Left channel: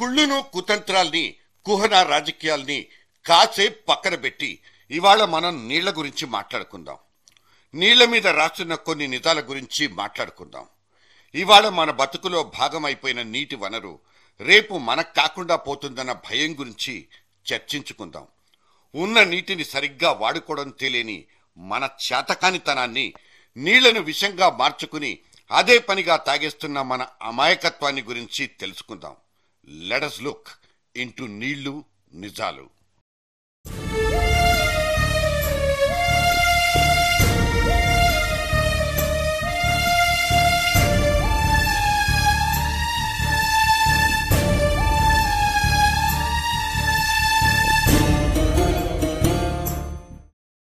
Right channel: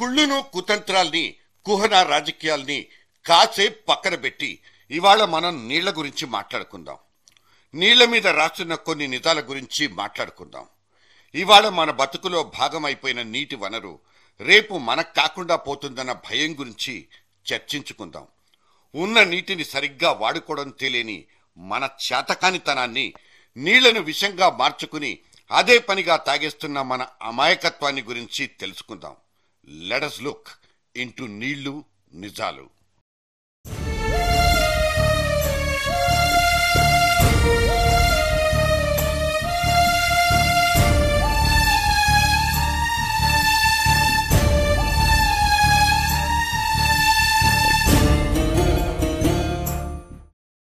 కుళ్ళును కుతంత్రాల్ని కుహన రాజకీయాల్ని కాసేపు పక్కన పెట్టి ఇవాళ మనం నీళ్ల గురించి మాట్లాడుకుందాం. నీళ్ల మీద రాస్తున్న కొన్ని నిజాల గురించి మాట్లాడుకుందాం. ఇవాళ మన బతుకులో భాగమైపోయిన నీటి వనరు రేపు మనకు కాకుండా పోతుందన్న భయం గురించి చర్చించుకుందాం. ఉన్న నీటిని సరిగ్గా వాడుకోవడం తెలియని మన చేతకానితనాన్ని, నీళ్లను విషంగా మార్చుకుని అదే పనిగా తాగేస్తున్న మన అమాయకత్వాన్ని గురించి తెలుసుకుందాం. లెట్ us look into నీళ్లు నిజాలు.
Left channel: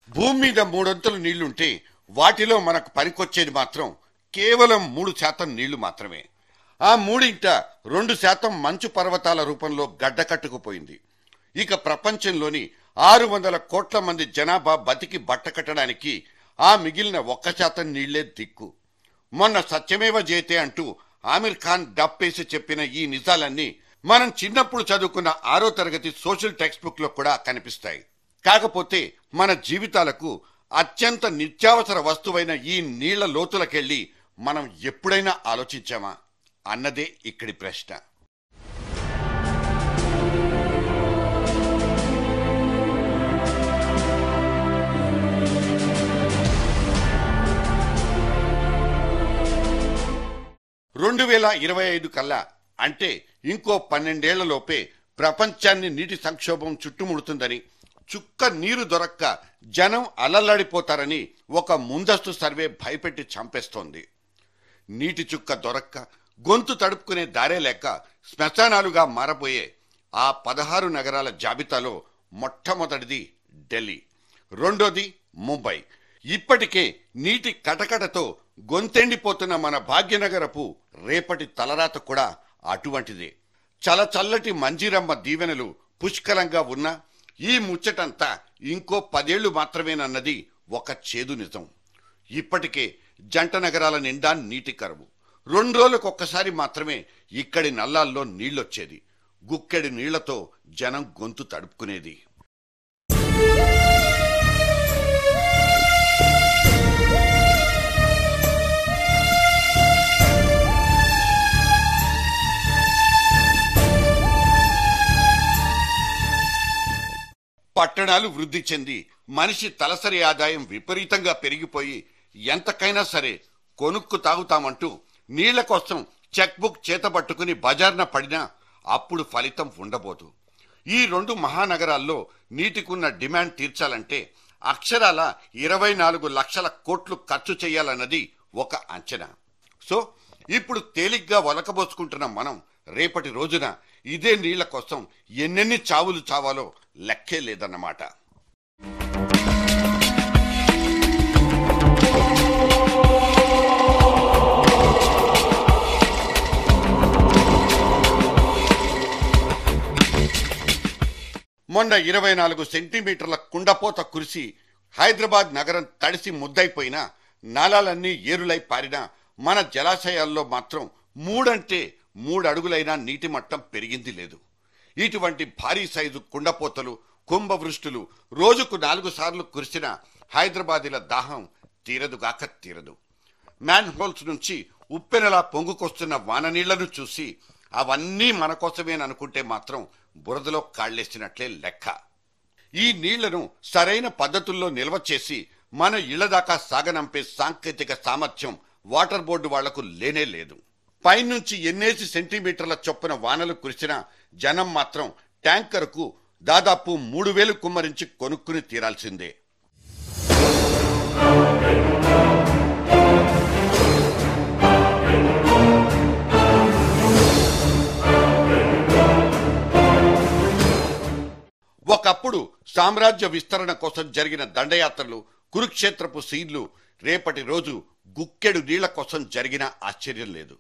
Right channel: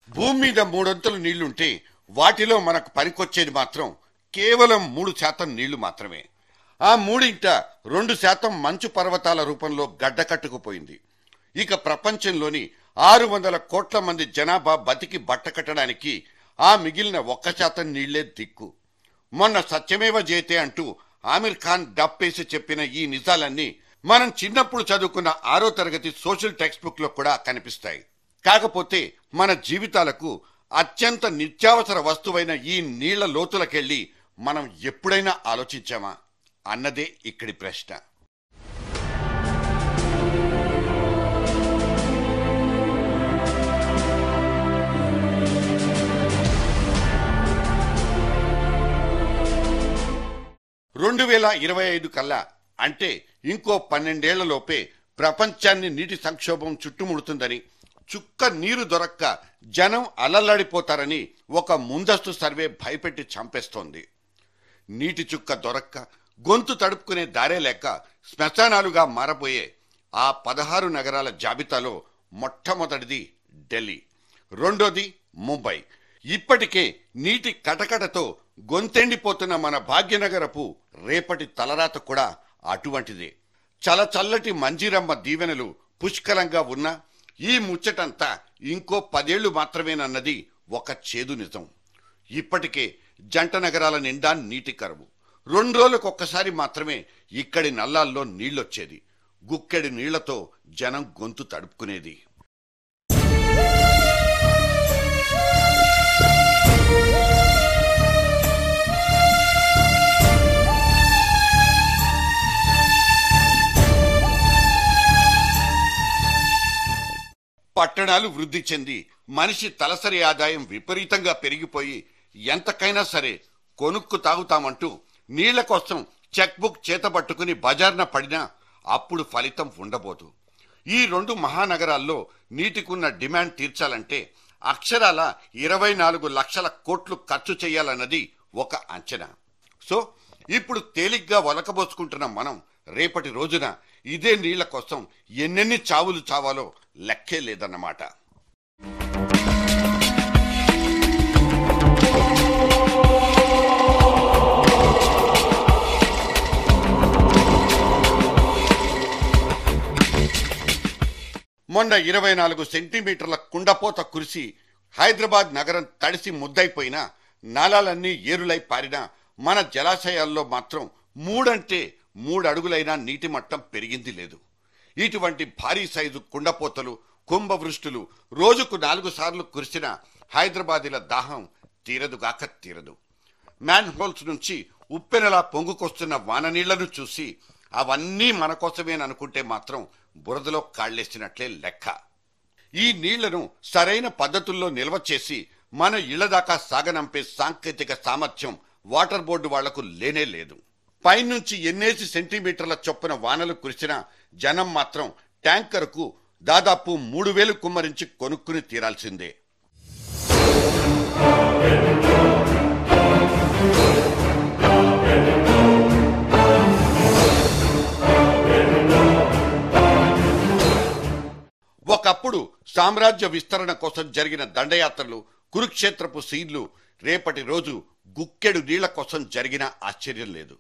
భూమి మీద 3 నీళ్లుంటే వాటిలో మనకు పనికొచ్చేది మాత్రం కేవలం 3% నీళ్లు మాత్రమే. ఆ 2% మంచు పర్వతాల రూపంలో గడ్డకట్టుకుపోయింది. ఇక ప్రపంచంలోని 600 కోట్ల మంది జనాభా బతికి బట్టకట్టడానికి ఆ మిగిలిన 1% నీళ్లే దిక్కు. మొన్న సత్యమేవ జయతే అంటూ ఆమిర్ ఖాన్ డప్పేసి చెప్పిన ఈ నిజాలన్నీ మనం చిన్నప్పుడు చదువుకున్న 6వ తరగతి సోషల్ టెక్స్ట్ బుక్ లో కూడా కనిపిస్తాయి. కాకపోతే మన జీవితాలకు అత్యంత నిత్యావసర వస్తువైన ఈ నీళ్ల లోతులకెళ్లి మనం ఎప్పుడైనా ఆలోచించామా అన్నదే ఇక్కడి ప్రశ్న. కల్లా అంటే ఇంకో 12 ఏళ్లలోపే ప్రపంచాన్ని నీటి సంక్షోభం చుట్టుముడుతుందని, చుక్క నీరు దొరక్క జనం అలల్లాడిపోతారని ఒక ముందస్తు సర్వే భయపెట్టి చంపేస్తోంది. నీటి చుక్క దొరక్క గొంతు తడుపుకునే దారే లేక శ్మశానాలుగా మారబోయే ఆ 16 నగరాల జాబితాలో మొట్టమొదటిది ఢిల్లీ, రెండోది ముంబై. ఇప్పటికే నీటి కటకటతో గొంతెండిపోతున్న మన భాగ్యనగరపు రేపటి తలరాత కూడా అటువంటిదే. చల్లటి మంజీరమ్మ దీవెనలు పుష్కలంగా ఉన్న ఈ ముచ్చటంతా ఇంకో 10 ఏళ్లు మాత్రమేనన్నది ఒక చేదు నిజం. ఇప్పటికే జంట నగరాల నిండా నీటి కరువు. 2 రోజులకొక్కసారి మాత్రమే ఇక్కడి నల్లాల్లో నీళ్లొచ్చేది. గుక్కెడి నీళ్లతో జనం గొంతు తడుపుకునేది. పట్టణాలు వృద్ధి చెంది మనిషి తలసరి ఆదాయం విపరీతంగా పెరిగిపోయి ఎంతకైనా సరే కొనుక్కు తాగుతామంటూ నీళ్ల కోసం చెక్ బుక్ చేతబట్టుకుని బజార్న పడినా అప్పుడు ఫలితం ఉండబోదు. ఈ 2 మహానగరాల్లో నీటికున్న డిమాండ్ తీర్చాలంటే అక్షరాల 24 లక్షల కోట్లు ఖర్చు చేయాలన్నది ఒక అంచనా. సో ఇప్పుడు తేలిగ్గా వలకబోసుకుంటున్న మనం రేపటి రోజున ఇదే నీళ్ల కోసం ఎన్నెన్ని చావులు చావాలో లెక్కే లేదన్నమాట. మొన్న 24 సెంటీమీటర్ల కుండపోత కురిసి హైదరాబాద్ నగరం తడిసి ముద్దైపోయినా, నాలాలన్నీ ఏరులై పారినా మన జలాశయాల్లో మాత్రం 3 అడుగులైనా నీటి మట్టం పెరిగింది లేదు. ఇటువంటి భారీ సైజు కుండపోతలు, కుంభవృష్టులు రోజుకు 4 సార్లు కురిసిన హైదరాబాదీల దాహం తీరదుగాక తీరదు. మ్యాన్ హోల్స్ నుంచి ఉప్పెనలా పొంగుకొస్తున్న వాననీళ్లను చూసి అవన్నీ మన కోసమేననుకుంటే మాత్రం బురదలో కాళ్లేసినట్లే లెక్క. ఈ నీళ్లను సరైన పద్ధతుల్లో నిల్వ చేసి మన ఇళ్ల దాకా సాగనంపే సాంకేతిక సామర్థ్యం వాటర్ బోర్డు వాళ్లకు లేనే లేదు. పైనుంచి ఎన్నేసి సెంటీమీటర్ల చొప్పున వానలు కురిసినా జనం మాత్రం ట్యాంకర్కు దాదాపు 3000 కుమ్మరించి కొనుక్కుని తీరాల్సిందే. ఒకప్పుడు సామ్రాజ్య విస్తరణ కోసం జరిగిన దండయాత్రలు, కురుక్షేత్రపు సీన్లు రేపటి రోజు గుక్కెడు నీళ్ల కోసం జరిగిన ఆశ్చర్యం లేదు.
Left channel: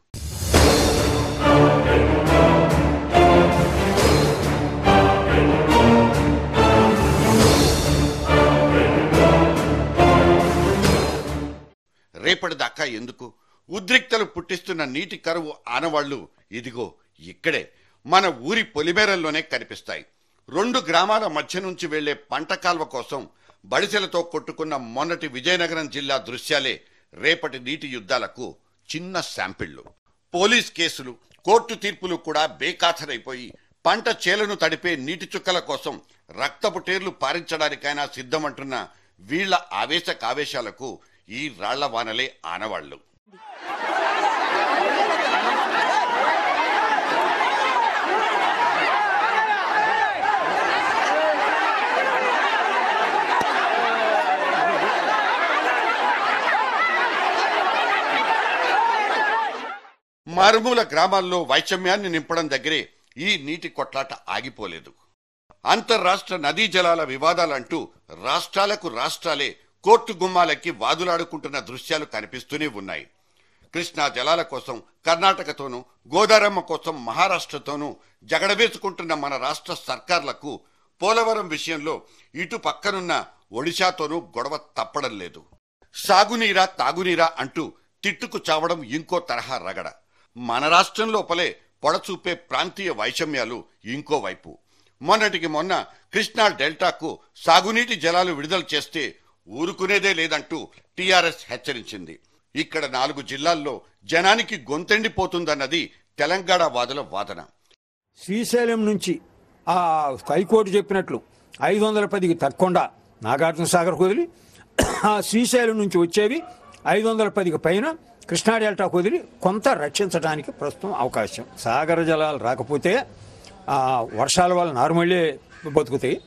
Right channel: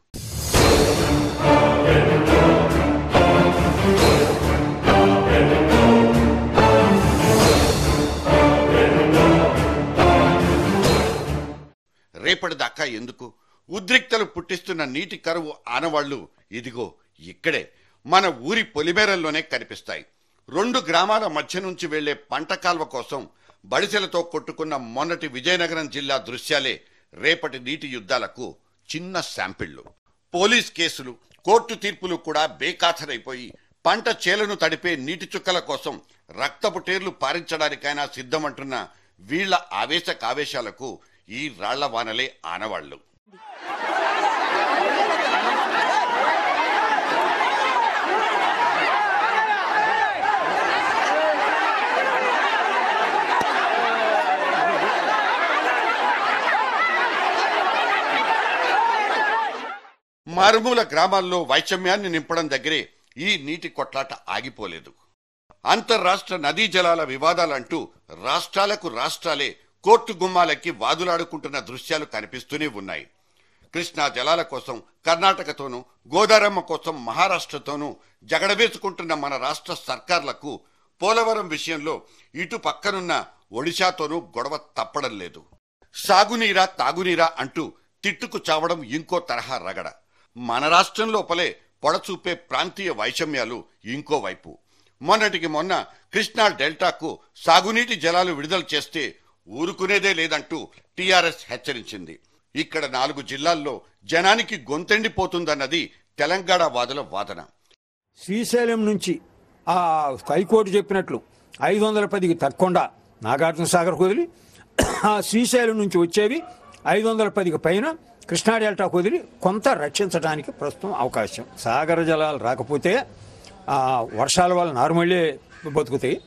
రేపటిదాకా ఎందుకు? ఉద్రిక్తలు పుట్టిస్తున్న నీటి కరువు ఆనవాళ్లు ఇదిగో ఇక్కడే మన ఊరి పొలిమేరల్లోనే కనిపిస్తాయి. 2 గ్రామాల మధ్య నుంచి వెళ్లే పంట కాల్వ కోసం బడిసెలతో కొట్టుకున్న మొన్నటి విజయనగరం జిల్లా దృశ్యాలే రేపటి నీటి యుద్ధాలకు చిన్న శాంపిళ్లు. పోలీస్ కేసులు, కోర్టు తీర్పులు కూడా బేఖాతరైపోయి పంట చేలను తడిపే నీటి చుక్కల కోసం రక్తపు టేర్లు పారించడానికైనా సిద్ధమంటున్న వీళ్ల ఆవేశాలకు ఈ రాళ్ల వానలే ఆనవాళ్లు. మారుమూల గ్రామాల్లో వైషమ్యాన్ని నింపడం దగ్గరే ఈ నీటి కొట్లాట ఆగిపోలేదు. అంతర్రాష్ట్ర నదీ జలాల వివాదాలంటూ రాష్ట్రాలే కోర్టు గుమ్మాలెక్కి వాదులాడుకుంటున్న దృశ్యాలు కనిపిస్తూనే ఉన్నాయి. కృష్ణా జలాల కోసం కర్ణాటకతోనూ, గోదారమ్మ కోసం మహారాష్ట్రతోనూ జగడవేసుకుంటున్న మన రాష్ట్ర సర్కార్లకు పోలవరం విషయంలో ఇటు పక్కనున్న ఒడిశాతోనూ గొడవ తప్పడం లేదు. సాగునీరా తాగునీరా అంటూ తిట్టుకు చావడం ఇంకో తరహా రగడ. మన రాష్ట్రం లోపలే పొడచూపే ప్రాంతీయ వైషమ్యాలు ఇంకోవైపు. మొన్నటికి మొన్న కృష్ణా డెల్టాకు సాగునీటి జలాలు విడుదల చేస్తే ఊరుకునేదే లేదంటూ టీఆర్ఎస్ హెచ్చరించింది. ఇక్కడ 4 జిల్లాల్లో జనానికి గొంతెండిపోతుందన్నది తెలంగాణ వాదుల వాదన. శ్రీశైలం నుంచి ఆ హైకోర్టు చెప్పినట్లు 510కి తగ్గకుండా నాగార్జున సాగర్ కుదిరి, ఆ శ్రీశైలం నుంచి వచ్చేవి 510కి పైన కృష్ణా డెల్టా కుదిరి కొంత రక్షించడానికి ప్రస్తుతం అవకాశం. సాగర జలాలు రాకపోతే వర్షాల వల్ల నార్మల్లే బతుకుతాయి.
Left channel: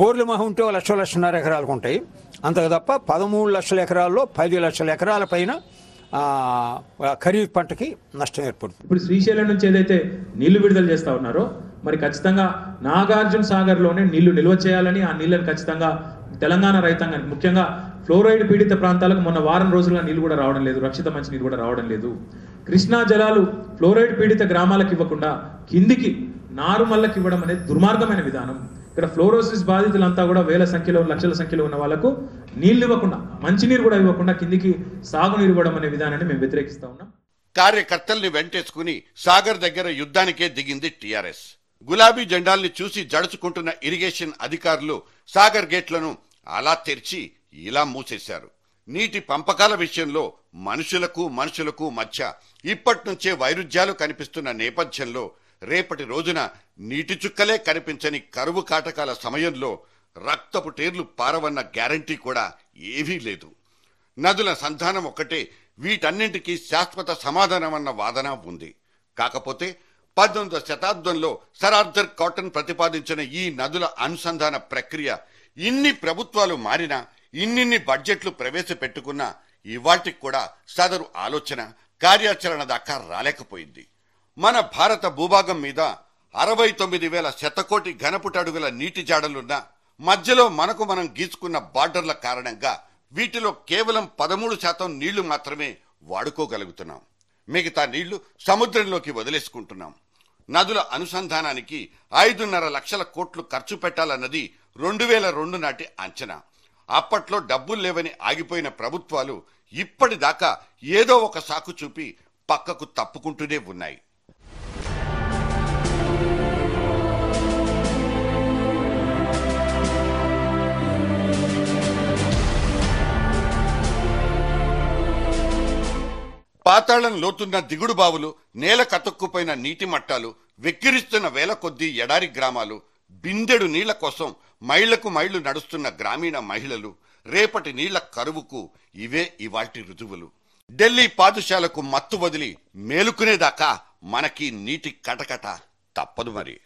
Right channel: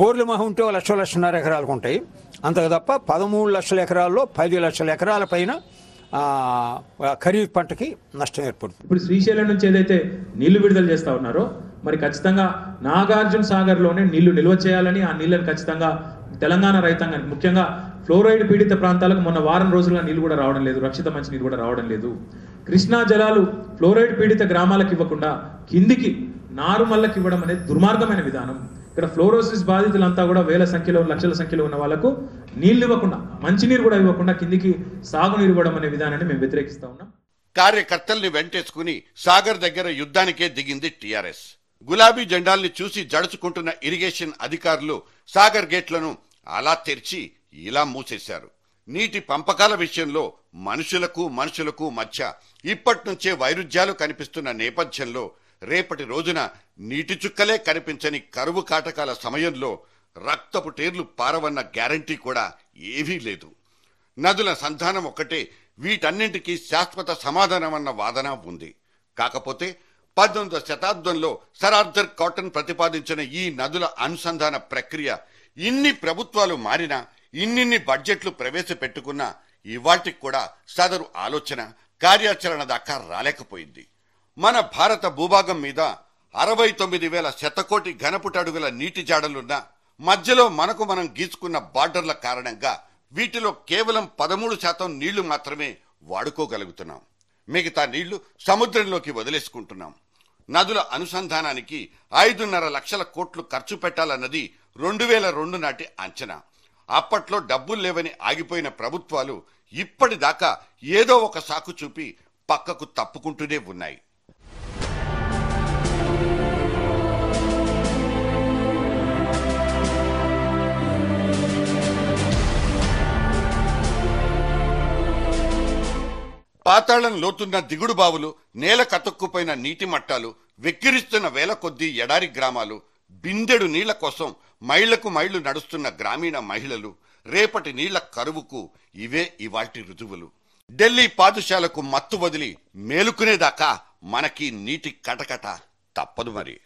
బోర్లు మహా ఉంటే 1,00,000-1,50,000 ఎకరాలకు ఉంటాయి. అంతకు తప్ప 13 లక్షల ఎకరాల్లో 10 లక్షల ఎకరాల పైన ఖరీఫ్ పంటకి నష్టం ఏర్పడుతుంది. ఇప్పుడు శ్రీశైలం నుంచి ఏదైతే నీళ్లు విడుదల చేస్తా ఉన్నారో మరి ఖచ్చితంగా నాగార్జున సాగర్లోనే నీళ్లు నిల్వ చేయాలని, ఆ నీళ్లను ఖచ్చితంగా తెలంగాణ రైతాంగానికి, ముఖ్యంగా ఫ్లోరైడ్ పీడిత ప్రాంతాలకు మొన్న వారం రోజులుగా నీళ్లు కూడా రావడం లేదు, రక్షిత మంచినీరు కూడా రావడం లేదు. కృష్ణా జలాలు ఫ్లోరైడ్ పీడిత గ్రామాలకు ఇవ్వకుండా కిందికి నారుమల్లకు ఇవ్వడం అనేది దుర్మార్గమైన విధానం. ఇక్కడ ఫ్లోరోసిస్ బాధితులంతా కూడా వేల సంఖ్యలో, లక్షల సంఖ్యలో ఉన్న వాళ్లకు నీళ్లు ఇవ్వకుండా, మంచినీరు కూడా ఇవ్వకుండా కిందికి సాగునీరు ఇవ్వడం అనే విధానాన్ని మేము వ్యతిరేకిస్తా ఉన్నాం. కార్యకర్తల్ని వెంటేసుకుని సాగర్ దగ్గర యుద్ధానికే దిగింది టీఆర్ఎస్. గులాబీ జెండాల్ని చూసి జడుచుకుంటున్న ఇరిగేషన్ అధికారులు సాగర్ గేట్లను అలా తెరిచి ఇలా మూసేశారు. నీటి పంపకాల విషయంలో మనుషులకు మధ్య ఇప్పటినుంచే వైరుధ్యాలు కనిపిస్తున్న నేపథ్యంలో రేపటి రోజున నీటి చుక్కలే కనిపించని కరువు కాటకాల సమయంలో రక్తపు టేర్లు పారవన్న గ్యారంటీ కూడా ఏవీ లేదు. నదుల సంధానం ఒక్కటే వీటన్నింటికీ శాశ్వత సమాధానమన్న వాదన ఉంది. కాకపోతే 19వ శతాబ్దంలో సర్ ఆర్థర్ కాటన్ ప్రతిపాదించిన ఈ నదుల అనుసంధాన ప్రక్రియ ఇన్ని ప్రభుత్వాలు మారినా, ఇన్నిన్ని బడ్జెట్లు ప్రవేశపెట్టుకున్నా ఇవాటికి కూడా సదరు ఆలోచన, కార్యాచరణ దాకా రాలేకపోయింది. మన భారత భూభాగం మీద 69,000 శతకోటి ఘనపుటడుగుల నీటి జాడలున్నా మధ్యలో మనకు మనం గీసుకున్న బార్డర్ల కారణంగా వీటిలో కేవలం 13% నీళ్లు మాత్రమే వాడుకోగలుగుతున్నాం. మిగతా నీళ్లు సముద్రంలోకి వదిలేసుకుంటున్నాం. నదుల అనుసంధానానికి 5.5 లక్షల కోట్లు ఖర్చు పెట్టాలన్నది 2002 నాటి అంచనా. అప్పట్లో డబ్బులు లేవని ఆగిపోయిన ప్రభుత్వాలు ఇప్పటిదాకా ఏదో ఒక సాకు చూపి పక్కకు తప్పుకుంటూనే ఉన్నాయి. పాతాళం లోతున్న దిగుడు బావులు, నేల కతుక్కుపోయిన నీటి మట్టాలు, వెక్కిరిస్తున్న వేల కొద్దీ ఎడారి గ్రామాలు, బిందెడు నీళ్ల కోసం మైళ్లకు మైళ్లు నడుస్తున్న గ్రామీణ మహిళలు, రేపటి నీళ్ల కరువుకు ఇవే ఇవాల్టి రుజువులు. ఢిల్లీ పాదుషాలకు మత్తు వదిలి మేలుకునేదాకా మనకి నీటి కటకట తప్పదు మరి.